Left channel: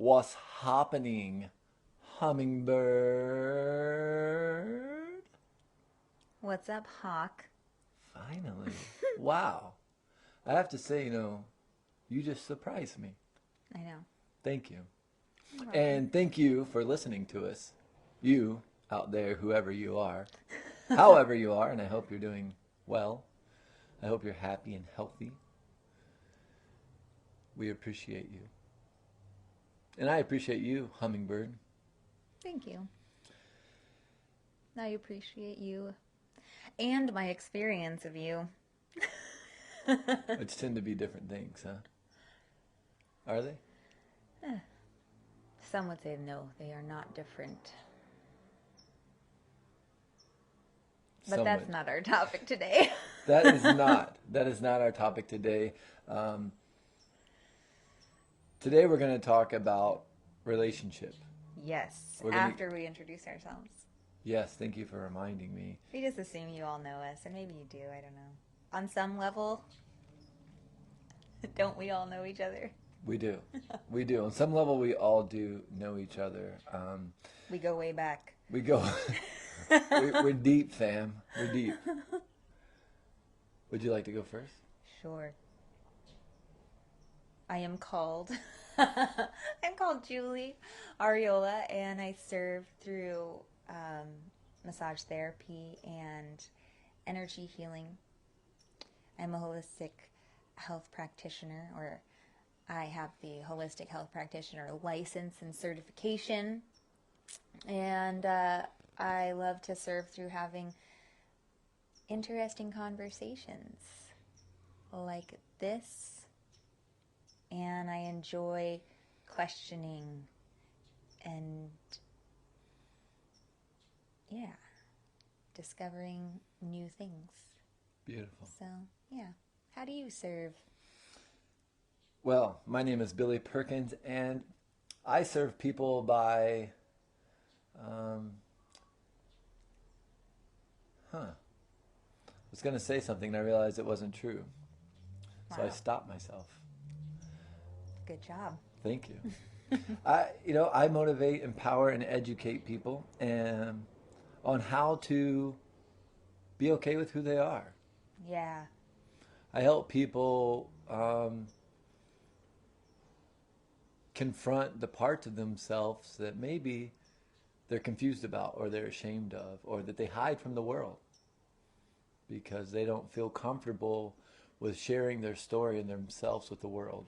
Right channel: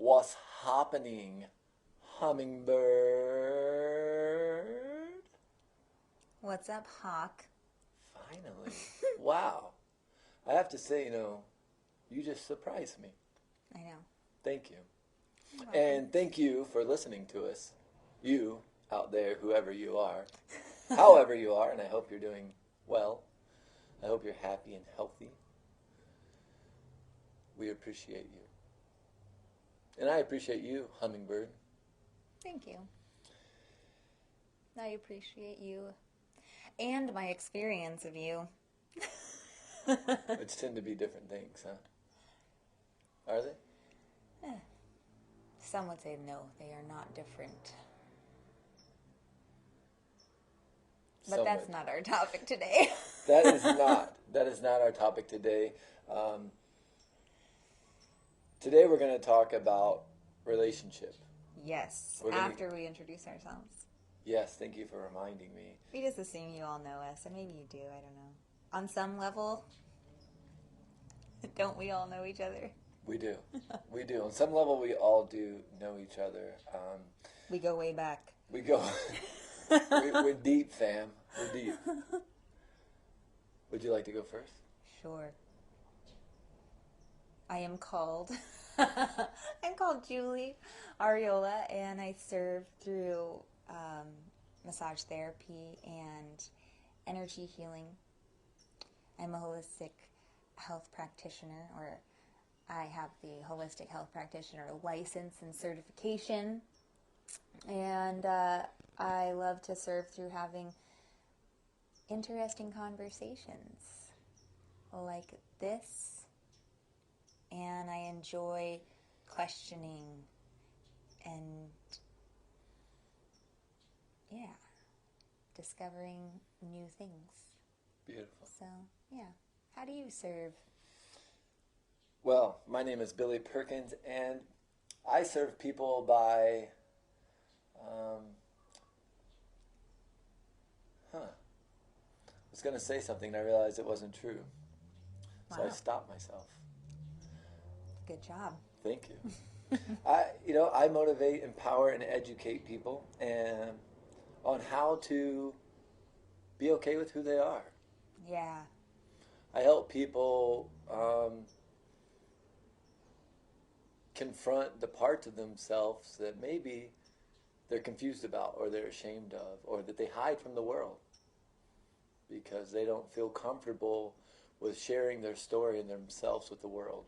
What's happening, hummingbird? What's up, Hawk? Finally. Wow. I have to say, you just surprised me. I know. Thank you. You're welcome. And thank you for listening to us. You out there, whoever you are, however you are, and I hope you're doing well. I hope you're happy and healthy. We appreciate you. And I appreciate you, hummingbird. Thank you. I appreciate you and my experience of you. Which tend to be different things, huh? Are they? Some would say no, they are not different. But Some that's would. not our topic today. That is not our topic today. Today we're going to talk about relationship. Yes, We're gonna- after we introduce ourselves. Yes, thank you for reminding me. We just assume you all know us, and maybe you do, I don't know. On some level, don't we all know each other? We do. We do. On some level, we all do know each other. We go way back. We go. we're deep, fam. We're deep. Would you like to go first? Sure. I am called Julie Ariola, and I serve through massage therapy and energy healing. I'm a holistic health practitioner, or I have the holistic health practitioner license and certification, and I love to serve through having interesting conversations like this, and I enjoy questioning and discovering new things. Beautiful. So how do you serve? Well, my name is Billy Perkins, and I serve people by, I was going to say something and I realized it wasn't true. So I Wow. stopped myself. Good job. Thank you. I motivate, empower, and educate people and on how to be okay with who they are. Yeah. I help people confront the parts of themselves that maybe they're confused about or they're ashamed of or that they hide from the world because they don't feel comfortable with sharing their story and themselves with the world.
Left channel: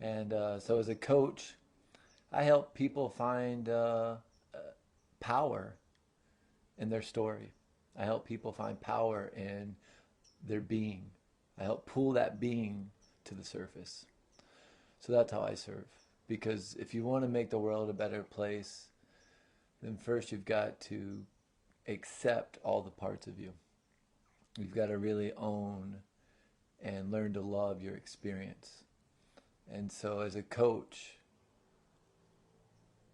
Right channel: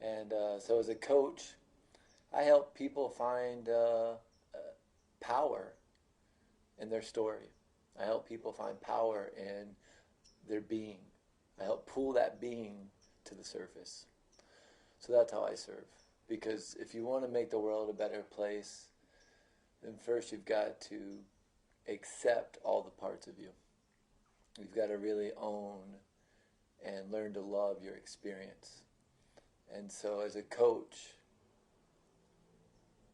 And so as a coach, I help people find power in their story. I help people find power in their being. I help pull that being to the surface. So that's how I serve. Because if you want to make the world a better place, then first you've got to accept all the parts of you. You've got to really own and learn to love your experience. And so as a coach,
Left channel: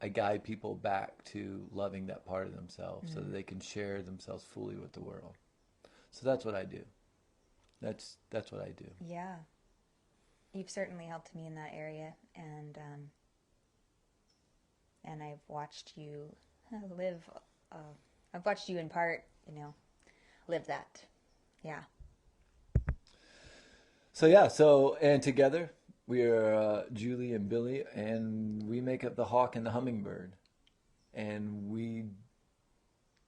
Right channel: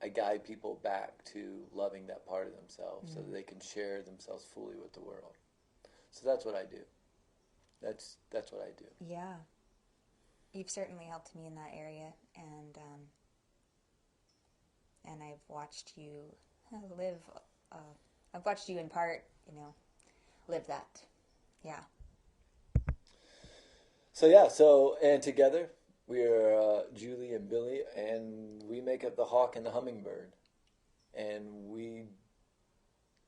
I guide people back to loving that part of themselves so that they can share themselves fully with the world. So that's what I do. That's what I do. Yeah. You've certainly helped me in that area, and I've watched you live. I've watched you in part, live that. Yeah. And together we are Julie and Billy, and we make up the hawk and the hummingbird. And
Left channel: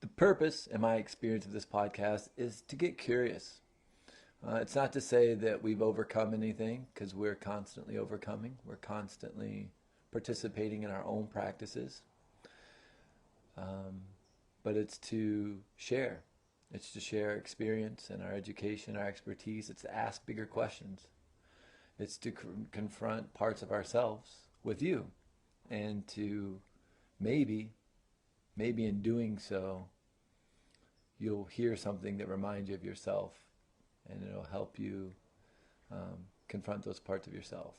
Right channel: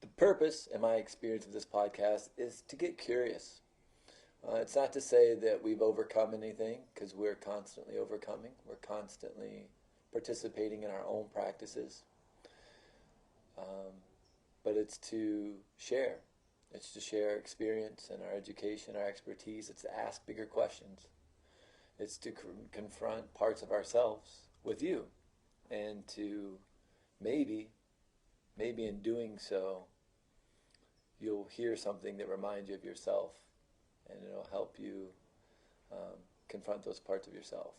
the purpose, in my experience of this podcast, is to get curious. It's not to say that we've overcome anything, because we're constantly overcoming. We're constantly participating in our own practices. But it's to share. It's to share our experience and our education, our expertise. It's to ask bigger questions. It's to confront parts of ourselves with you. And to maybe in doing so, you'll hear something that reminds you of yourself. And it'll help you confront those parts of yourself.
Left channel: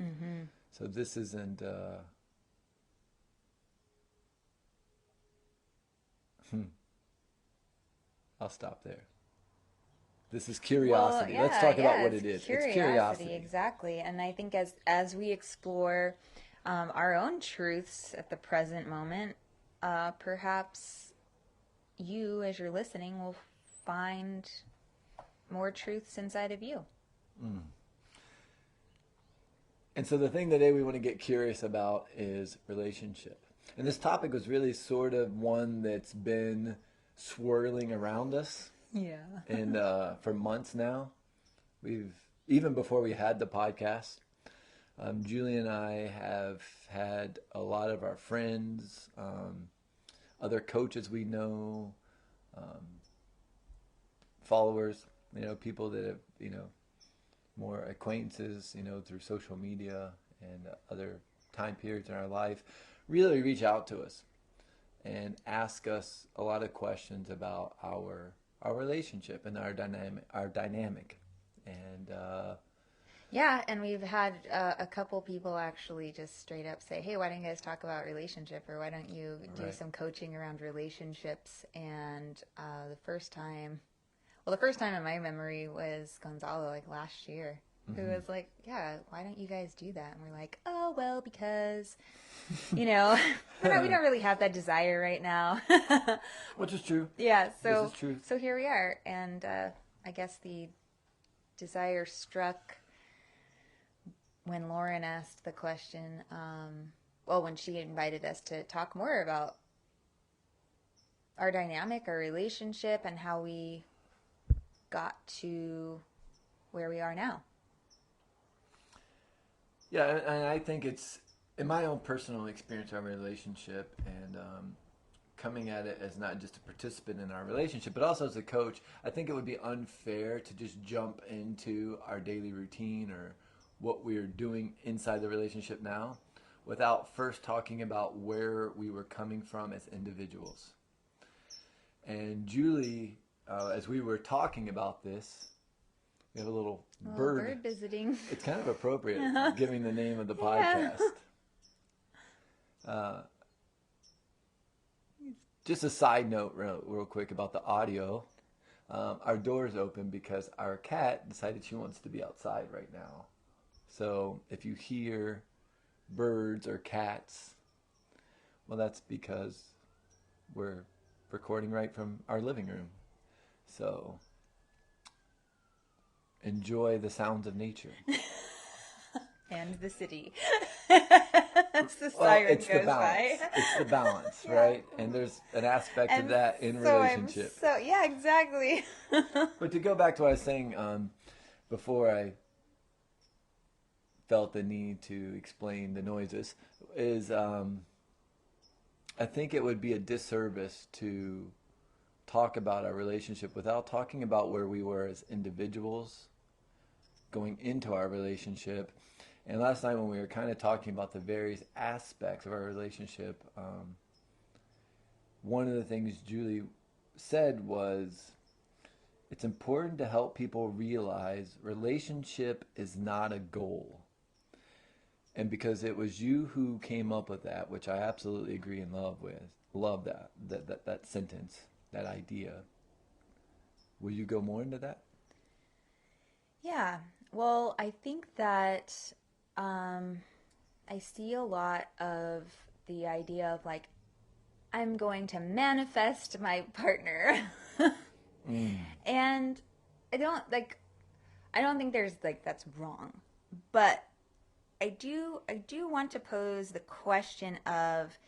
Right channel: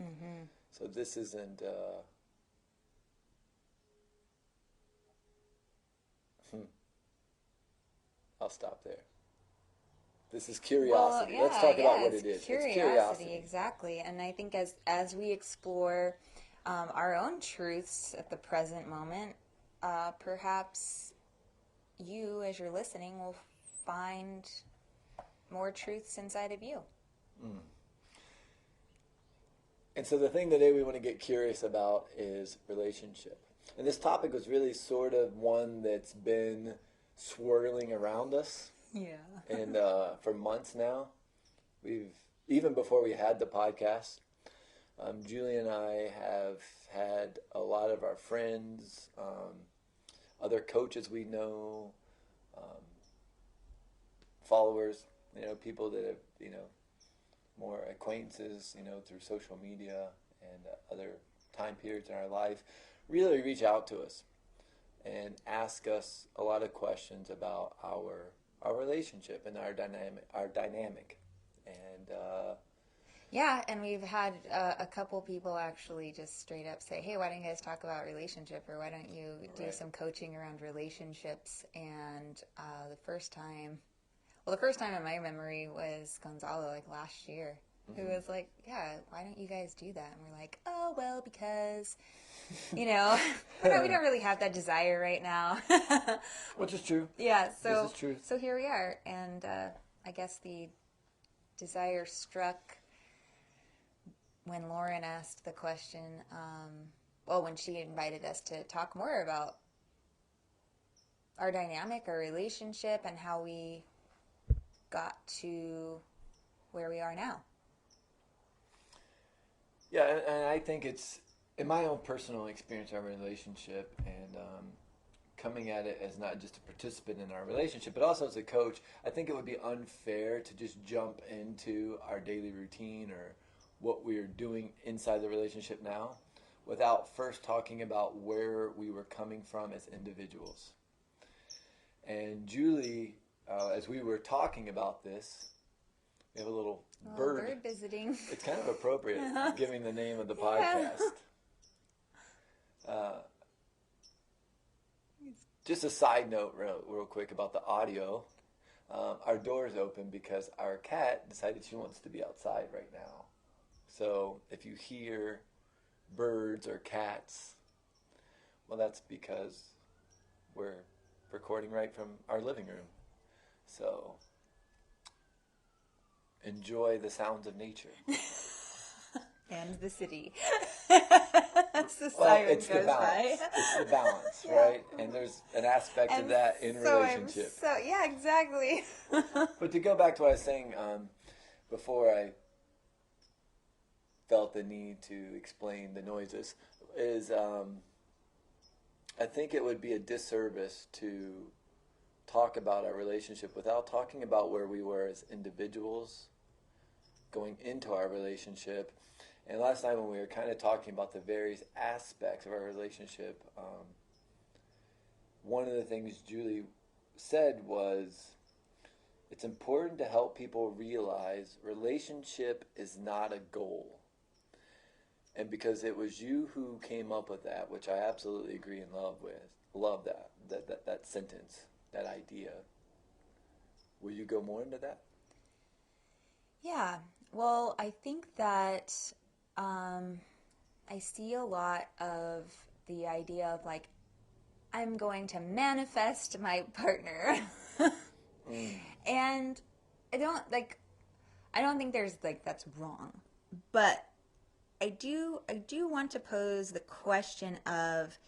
Mm-hmm. So this isn't... I'll stop there. This is curiosity. Let's talk about what it is. Curiosity, It's curiosity. exactly. And I think as we explore our own truths at the present moment, perhaps you, as you're listening, will find more truths inside of you. Mm. And so the thing today we want to get curious about is relationship. And this topic was really sort of one that's been swirling around us. Yeah. And for months now, even before we had the podcast, Julie and I have had a lot of our friends, other coaches we know, followers, people that have, more acquaintances, through social media and other time periods in our life, really reach out to us and ask us a lot of questions about our relationship and our dynamic. And yeah, and we've had a couple people actually just straight up say, hey, why don't you guys talk about relationship, or why don't you do some coaching around relationships? And the first time in my memory was Gonzalo, like last year, who was like, yeah, why don't you guys do that? And we're like, oh, well, because, we don't really have that desire right now. Which is true. Yeah, this is true. So here we are. And I guess the desire struck when Lauren asked the question, when she invited us to talk more about our dynamic, our relationship, and how we got to where we are now. Yeah, and I think it's, in my own personal experience, our relationship, and coming at it as not just a participant in our relationship, but also as a coach, I think it would be unfair to just jump into our daily routine or what we're doing inside the relationship now without first talking about where we were coming from as individuals. And Julie, as we were talking about this, we have a little bird visiting. It's kind of appropriate, giving the name of the podcast. Just a side note real quick about the audio. Our door is open because our cat decided she wants to be outside right now. So if you hear birds or cats, well, that's because we're recording right from our living room. So enjoy the sounds of nature. And the city. That's the siren goes by. It's the balance, right? And there's an aspect of that in relationship. Yeah, exactly. But to go back to what I was saying before I felt the need to explain the noises, is I think it would be a disservice to talk about our relationship without talking about where we were as individuals going into our relationship. And last night when we were kind of talking about the various aspects of our relationship, one of the things Julie said was, it's important to help people realize relationship is not a goal. And because it was you who came up with that, which I absolutely agree and love that sentence, that idea. Will you go more into that? Yeah. Well, I think that I see a lot of the idea of like, I'm going to manifest my partner. And I don't think there's that's wrong. But I do want to pose the question of,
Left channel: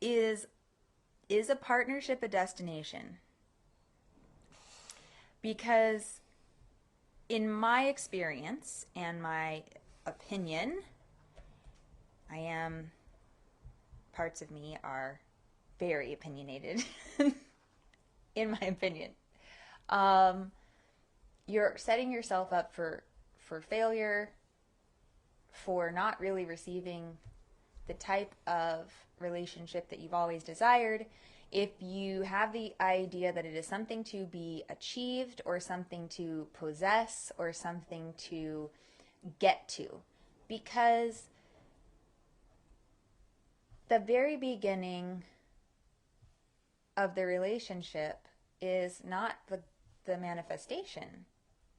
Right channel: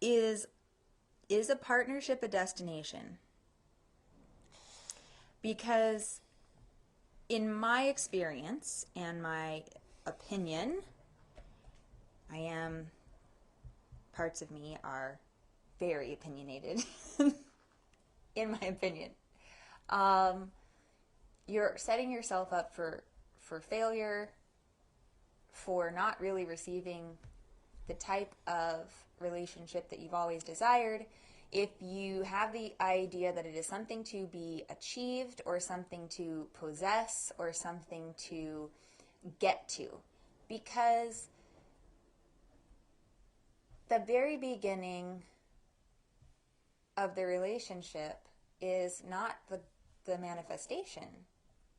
is a partnership a destination? Because in my experience and my opinion, parts of me are very opinionated, in my opinion. You're setting yourself up for failure, for not really receiving the type of relationship that you've always desired, if you have the idea that it is something to be achieved or something to possess or something to get to. Because the very beginning of the relationship is not the manifestation.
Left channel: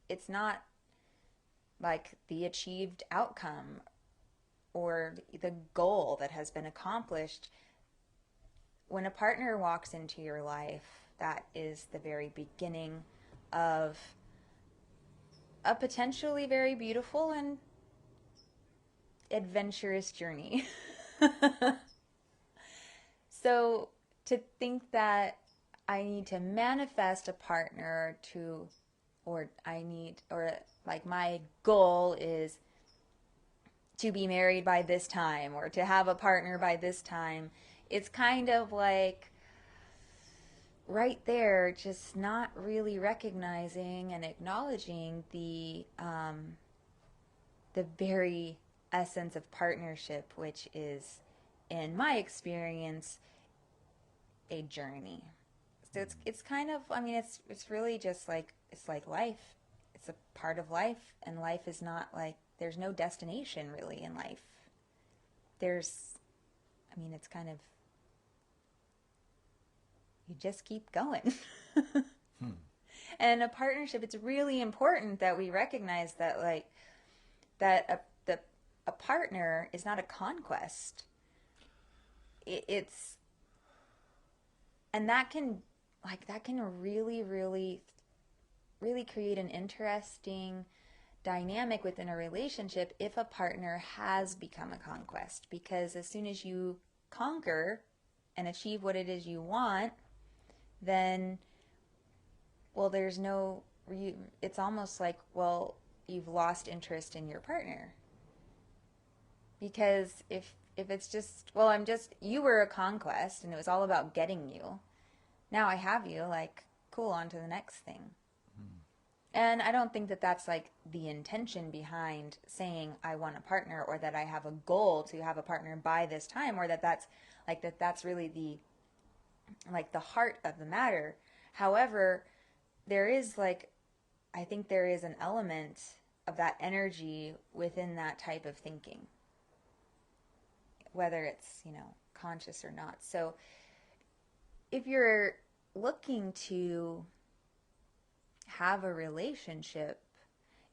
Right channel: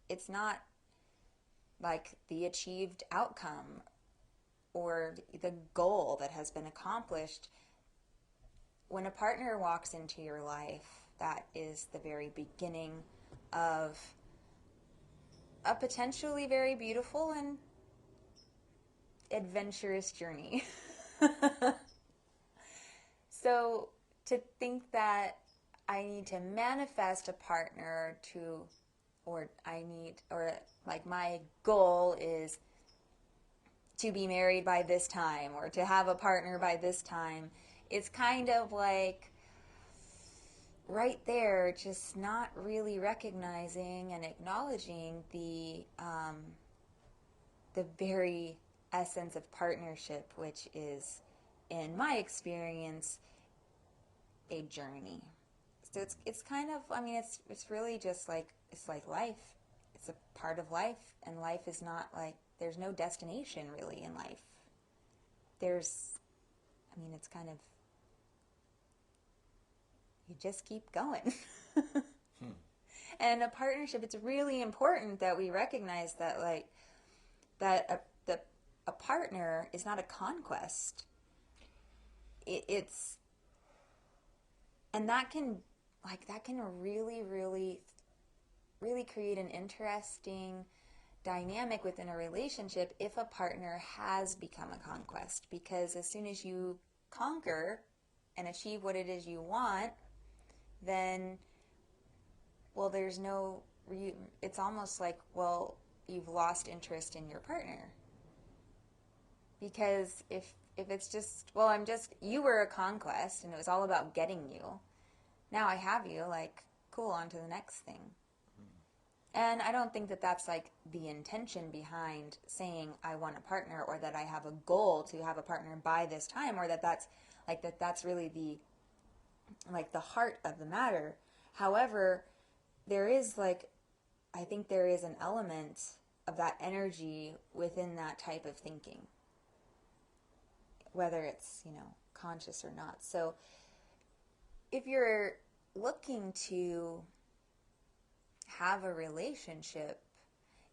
It's not like the achieved outcome. or the goal that has been accomplished. When a partner walks into your life, that is the very beginning of a potentially very beautiful and adventurous journey. So to think that I need to manifest a partner to, or like my goal is to be married by this time or to have a partner by this time, it's kind of like right there, just not really recognizing and acknowledging the very essence of partnership, which is, in my experience, a journey. So it's kind of, I mean, it's really just like, it's like life. It's a part of life, and life is not like, there's no destination really in life. It's kind of, you just keep going. And a partnership, it's really important that we recognize that, like, that a partner is not a conquest. And that can really, really, really create an interesting dynamic within a relationship if a partner has become a conquest. Because as soon as you conquer and achieve what it is you want, then, well, it's almost like, well, you've lost interest in your partner. Because if it's just, well, you were a conquest and it was all about getting you. Now I have you, like, cool, on to the next thing. And I don't think that that's like the intention behind saying I want a partner, or that I have a goal to have a partner by this time, or that's really the heart of the matter. However, I think there is an element of that energy within that type of thinking, whether it's, conscious or not. So if you're looking to have a relationship,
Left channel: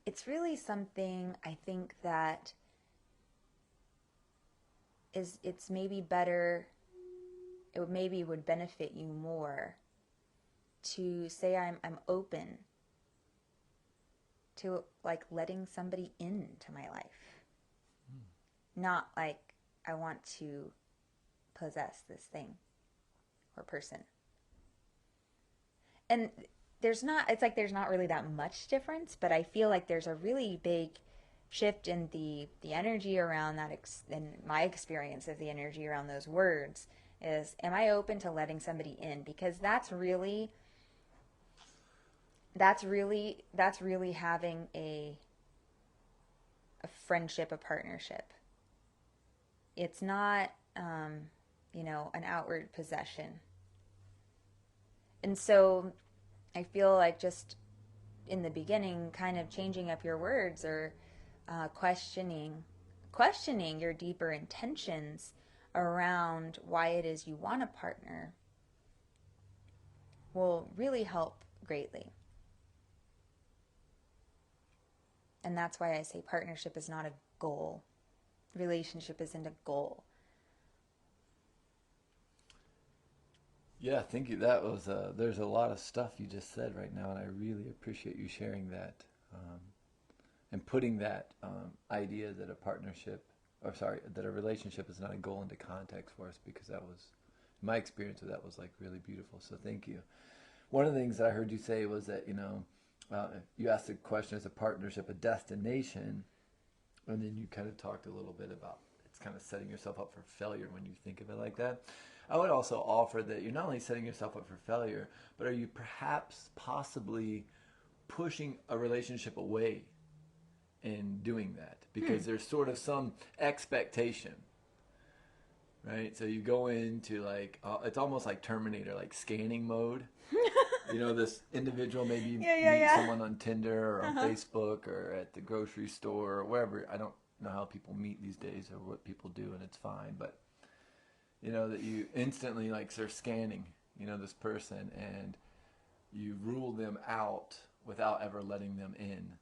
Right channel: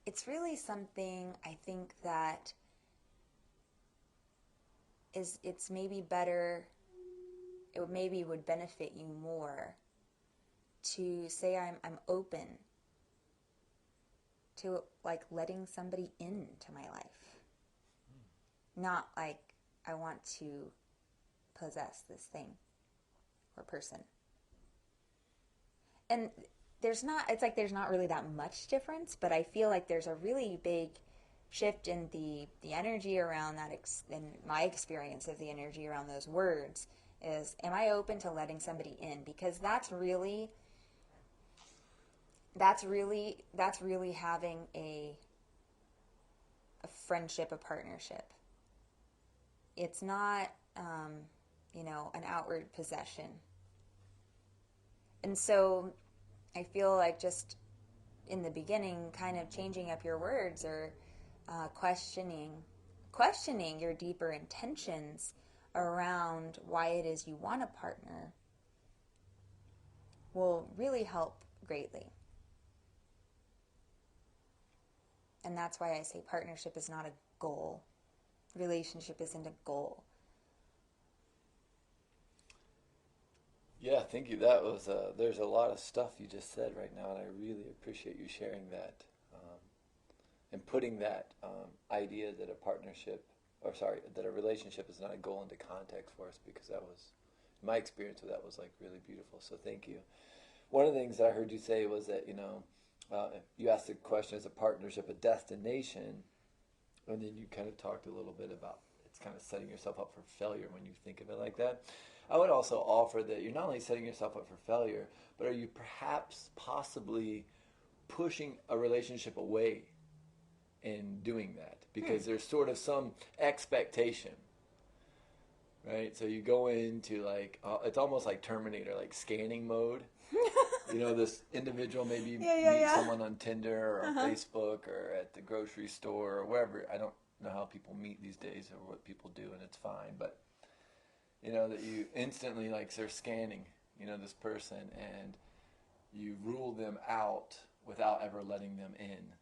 it's really something, I think, that it's maybe better, it maybe would benefit you more to say I'm open to, like, letting somebody into my life. Not like I want to possess this thing or person. And there's not really that much difference, but I feel like there's a really big shift in the energy around that, and my experience of the energy around those words is, am I open to letting somebody in? Because that's really having a friendship, a partnership. It's not, an outward possession. And so I feel like just in the beginning, kind of changing up your words, or questioning your deeper intentions around why it is you want a partner will really help greatly. And that's why I say partnership is not a goal. Relationship isn't a goal. Yeah, thank you. That was there's a lot of stuff you just said right now, and I really appreciate you sharing that, and putting that idea that that a relationship is not a goal into context for us, because that was, my experience of that was like really beautiful. So thank you. One of the things I heard you say was that, you asked the question, is a partnership a destination? And then you kind of talked a little bit about, it's kind of setting yourself up for failure when you think of it like that. I would also offer that you're not only setting yourself up for failure, but are you perhaps possibly pushing a relationship away in doing that? Because there's sort of some expectation, right? So you go into like, it's almost like Terminator, like scanning mode. This individual, maybe you meet someone on Tinder or on Facebook or at the grocery store or wherever. I don't know how people meet these days or what people do, and it's fine. But, that you instantly, like, they're scanning, this person, and you rule them out without ever letting them in.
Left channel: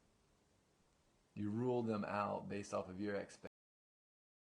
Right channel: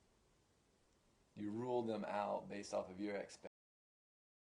You rule them out based off of your expectations.